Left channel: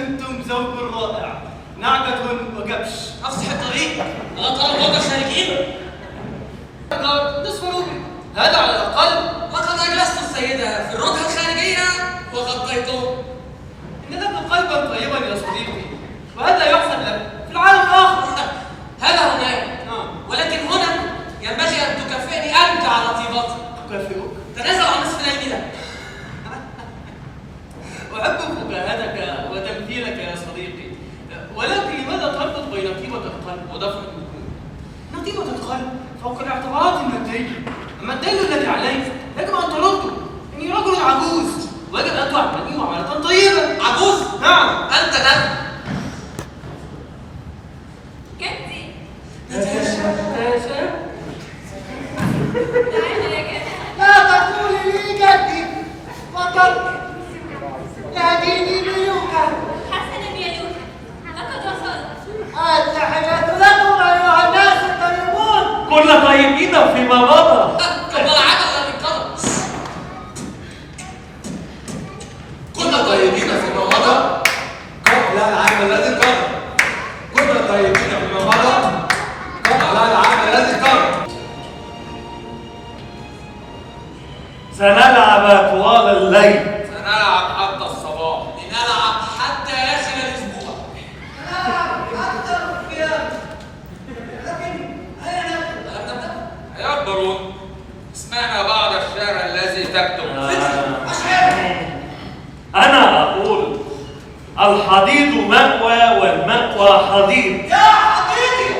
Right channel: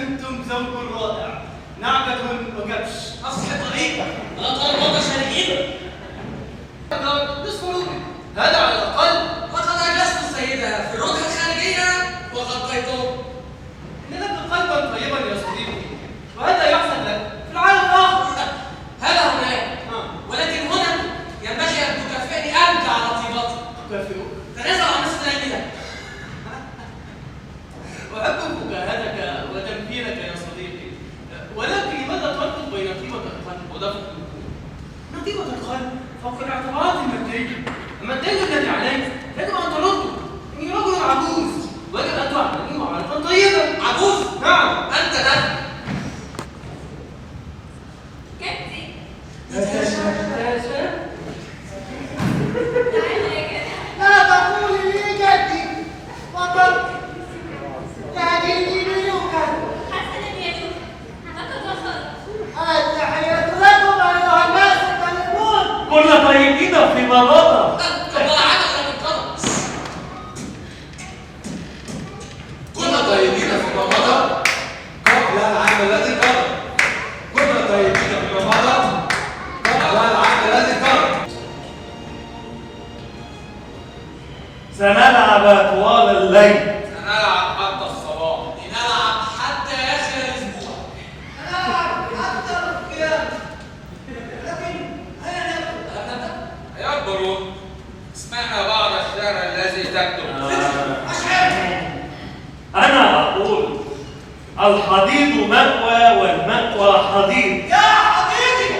أنتم زوج رائع، نعجة وكبش. أفصح الطريق، لا طال وضع شاهدين. نصف نومي، هذا على الأقل. لقد أجلست السيدة في الركن الخارجية وغطيته. لك قلبا طيبا يا صديقي، وهذا يحسن لك في العالم الآخر. هذا هناك، ولكن هنا ينبغي أن تكافئني أنت على طيبتي. أكافئك؟ تنازل عن نصف ليلتك. أحب مجاهدك وتمكينك يا صديقي، ولكن لماذا تربط بين قيمة القلب ودفع النقود؟ إن قيمة القلب فوق الاعتبارات المادية، أما الدين الذي عليك يجب أن ترده. إني رجل عجوز ويجب أن تعاملني معاملة طيبة. عجوز؟ نعم. أنت ده. جدي. لا تقولي لي جدي، فقط ناديني بيوكا. حسنا يا يوسف، لقد وصلت. التحية لكم أيها الناس الطيبون. كل طيبين فيما مضى. قبل العدد من قدم. كنا طيبين فيما مضى قبل العام الذي قبل. كنا طيبين فيما مضى قبل العام الذي قبل. سنلعب طوال الليل. سنلعب حتى الصباح. لنلعب حتى آخر الأسبوع. أنا أكثر القيام، لكن أين نبدأ؟ ألم نبدأ؟ يا برون، اسمعنا بعض الشعر الذي تكتب. أشعر. أنا أقول الحضيض مأوى والمأوى حضيض. يا حبيبي.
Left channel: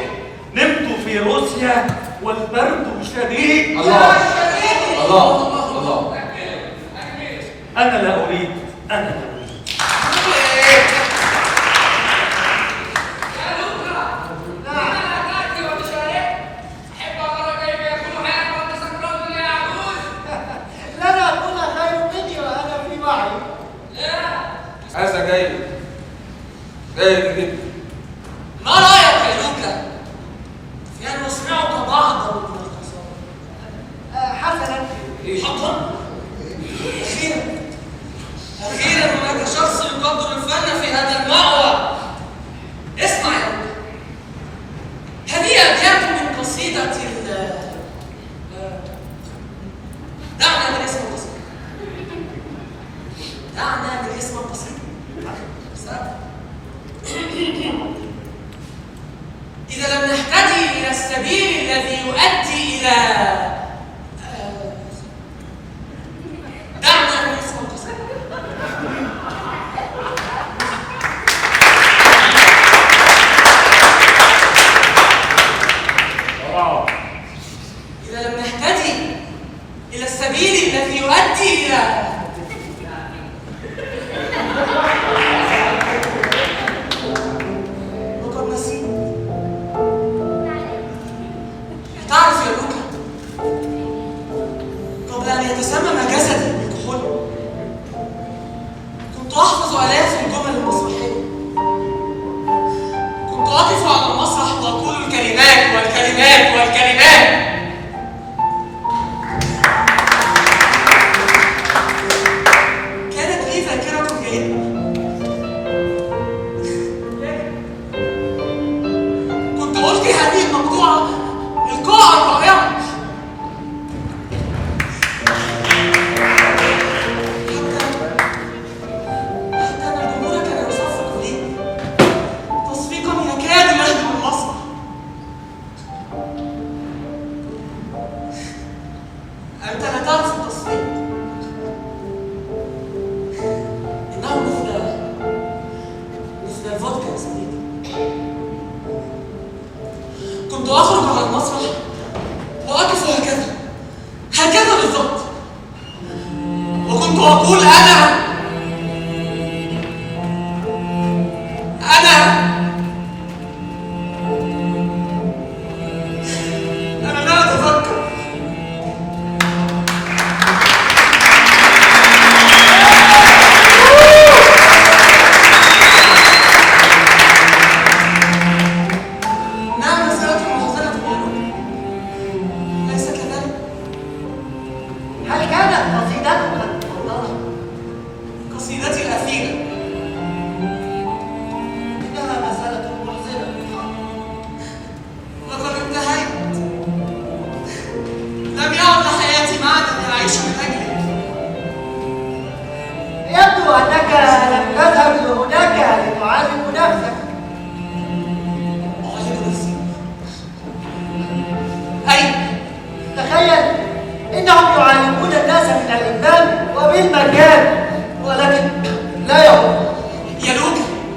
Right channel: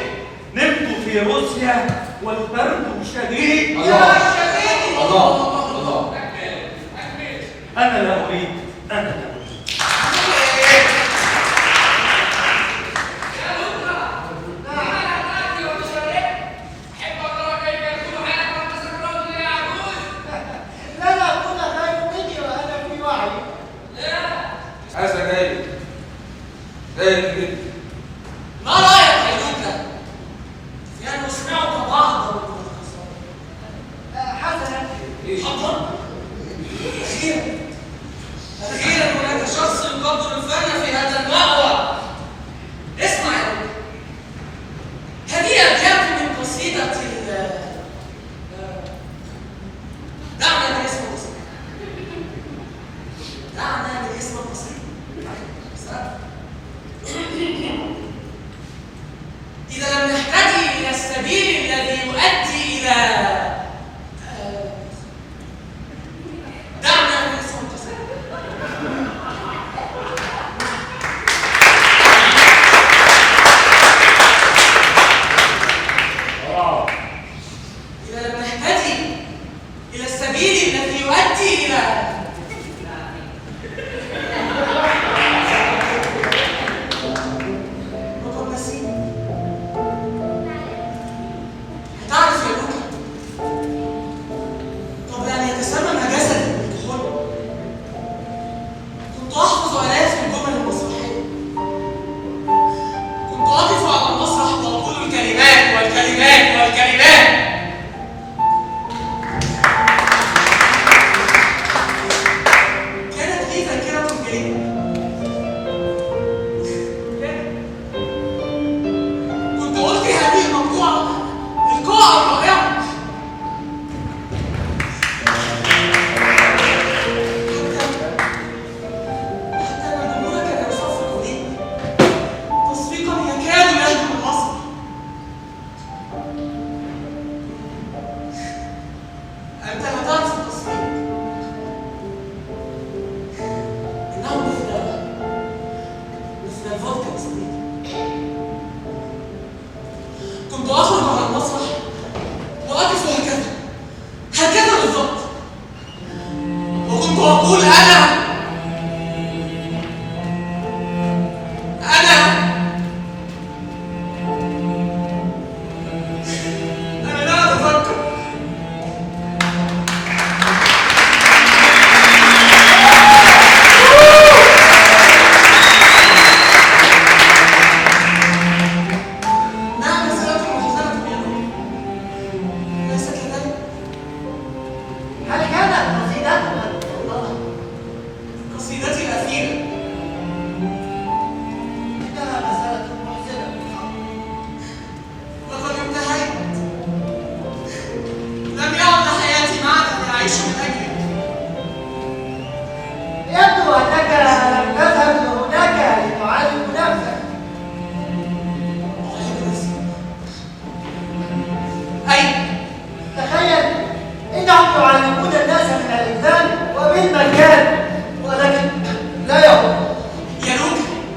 نمت في روسيا والبرد شديد. يا شديدي. الله الله. أنا لا أريد، أنا لا أريد. لنا كل خير مني وأنا في وعي. هذا جيد. جيد جدا. ما رأيك يا لوكا؟ في أن نسمعك بعضا من القصائد؟ حسنا. حقا؟ أخيرا هناك شخص يقدر الفن في هذا المأوى. اسمع يا لوكا، هذه أبيات من قصيدة دعنا من اسم القصيدة. دعنا من اسم القصيدة.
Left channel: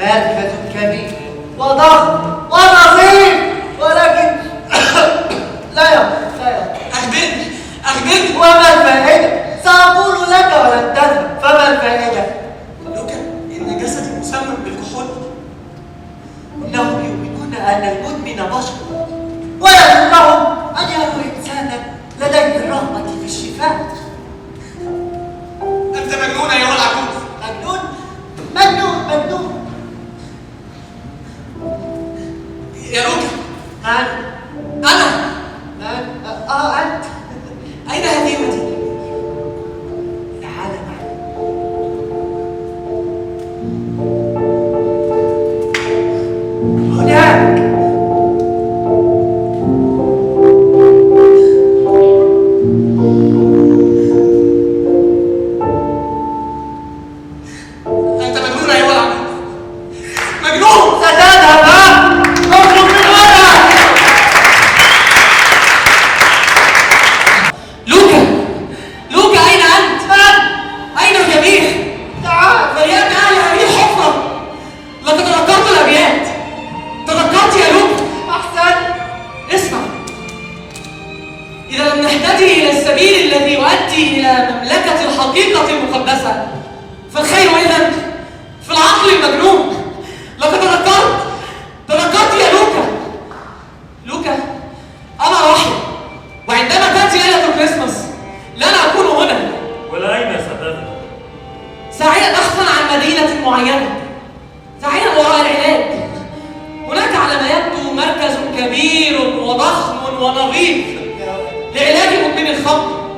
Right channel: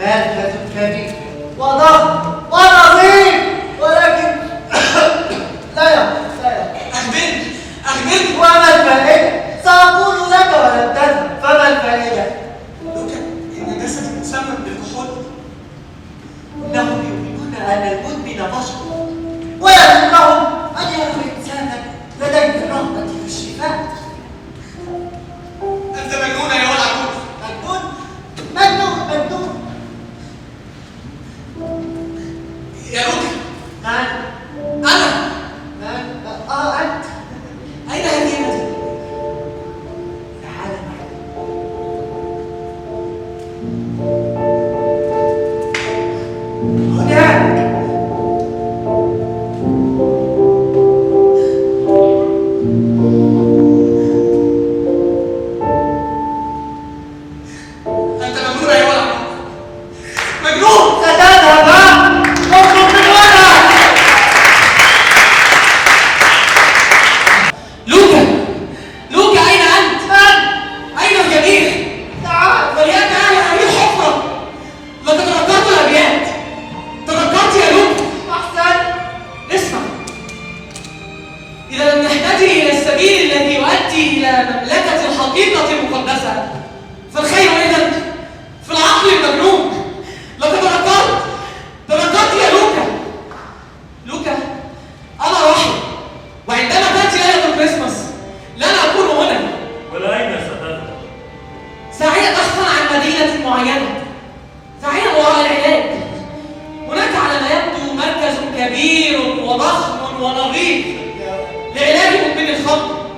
مركز كبير وضخم ونظيف، ولكن لا. أخبرني وما الفائدة؟ سأقول لك ولن تفهم، فما الفائدة؟ لوكا، إن جسدي مسمم بالكحول. إنهم يؤمنون أن المدمن بشر، ويهمهم أن يروا إنسانا لديه الرغبة في الشفاء. أنت مجنون أيها العجوز. مجنون. يا لوكا، نعم. أنا. أنت. أين هذه المدينة؟ تعال معي. هناك. أنت مجنون أيها العجوز. مجنون. ستذهب. اطلب من ولد. لوكا، أين أنت؟ أين الجميع؟ تعال. وياك أهل هذه الحفرة. لقد تذكرت الأبيات. تذكرت يا لوكا. أحسن. اسمع، إذا لم نهتدي إلى السبيل الذي يؤدي إلى مملكة الحقيقة المقدسة، فالخير إذن في العقل المجنون. لقد تذكرت يا لوكا، أنا وحي، وعندما تأتي ليلة الكريسماس لن أكون هنا. والأين ستذهب؟ ساعيا بحثا عن مدينة معينة، ساعيا وراء العلاج. هناك على ما يبدو مركز كبير وضخم ونظيف لعلاج مدمن الخمر.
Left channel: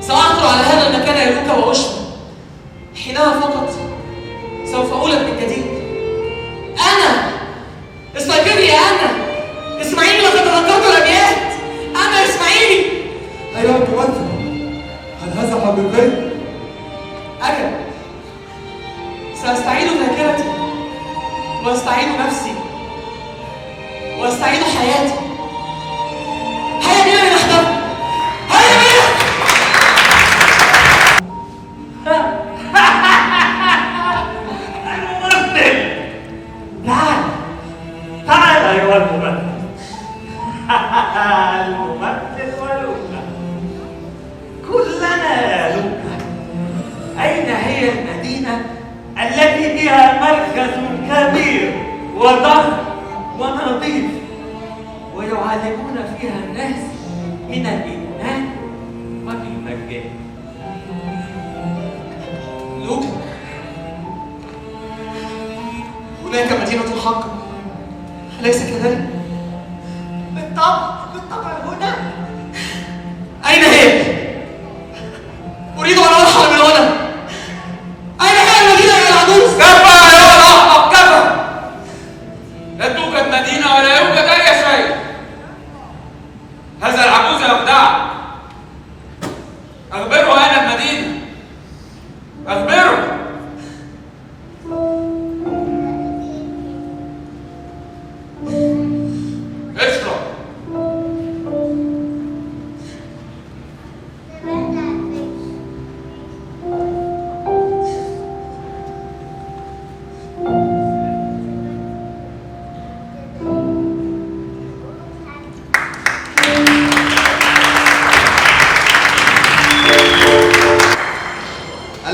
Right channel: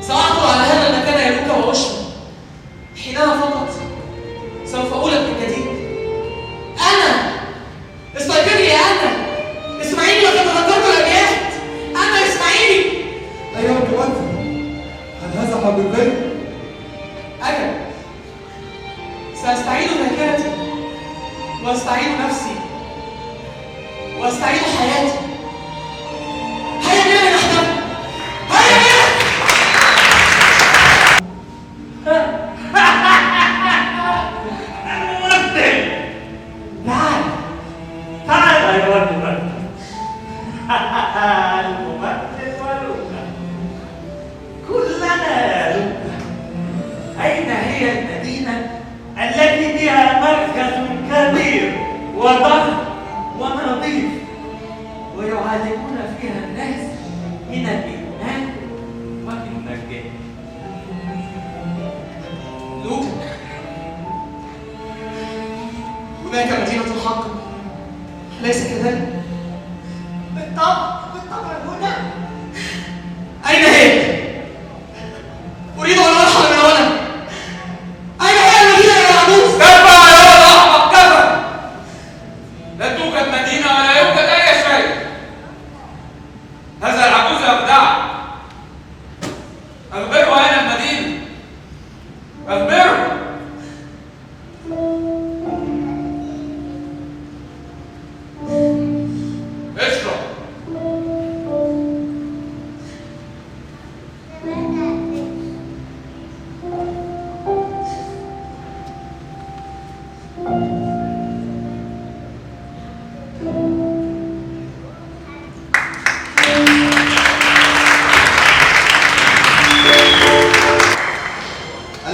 سأحضر على هذا المكان يا لوكا وأشرب. حينها فقط سوف أولد من جديد. أنا استيقظي يا أنا اسمعيني، لقد تذكرت الأبيات. أنا اسمعيني. أيها المؤثر، هل هذا حقيقي؟ أجل، سأستعيد ذاكرتي وأستعيد نفسي وأستعيد حياتي. هيا بنا لنحتفل، هيا بنا. الممثل! تعال. أيها الممثل! الممثل ولوكا، كلنا يا لوكا. أين هي المدينة التي فيها مركز كبير وضخم ونظيف ويعلمون فيها الناس من الإيمان والمجد؟ لوكا، هناك مدينة الحق، أليس كذلك؟ بالطبع هنا. أين هي؟ أريد أن أرحل من هنا. أين هي المدينة يا العجوز؟ كفى يا الأحمق، كفى. لا توجد مدينة ولا يوجد أي شيء. هذا العجوز يخدعك. أخبره أين المدينة. أخبره. اشرب.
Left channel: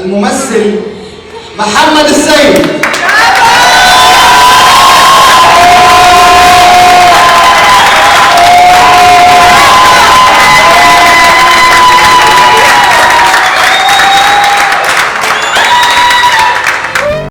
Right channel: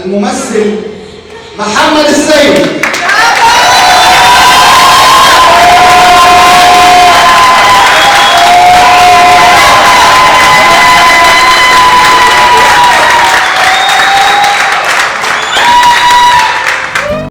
الممثل محمد السيد.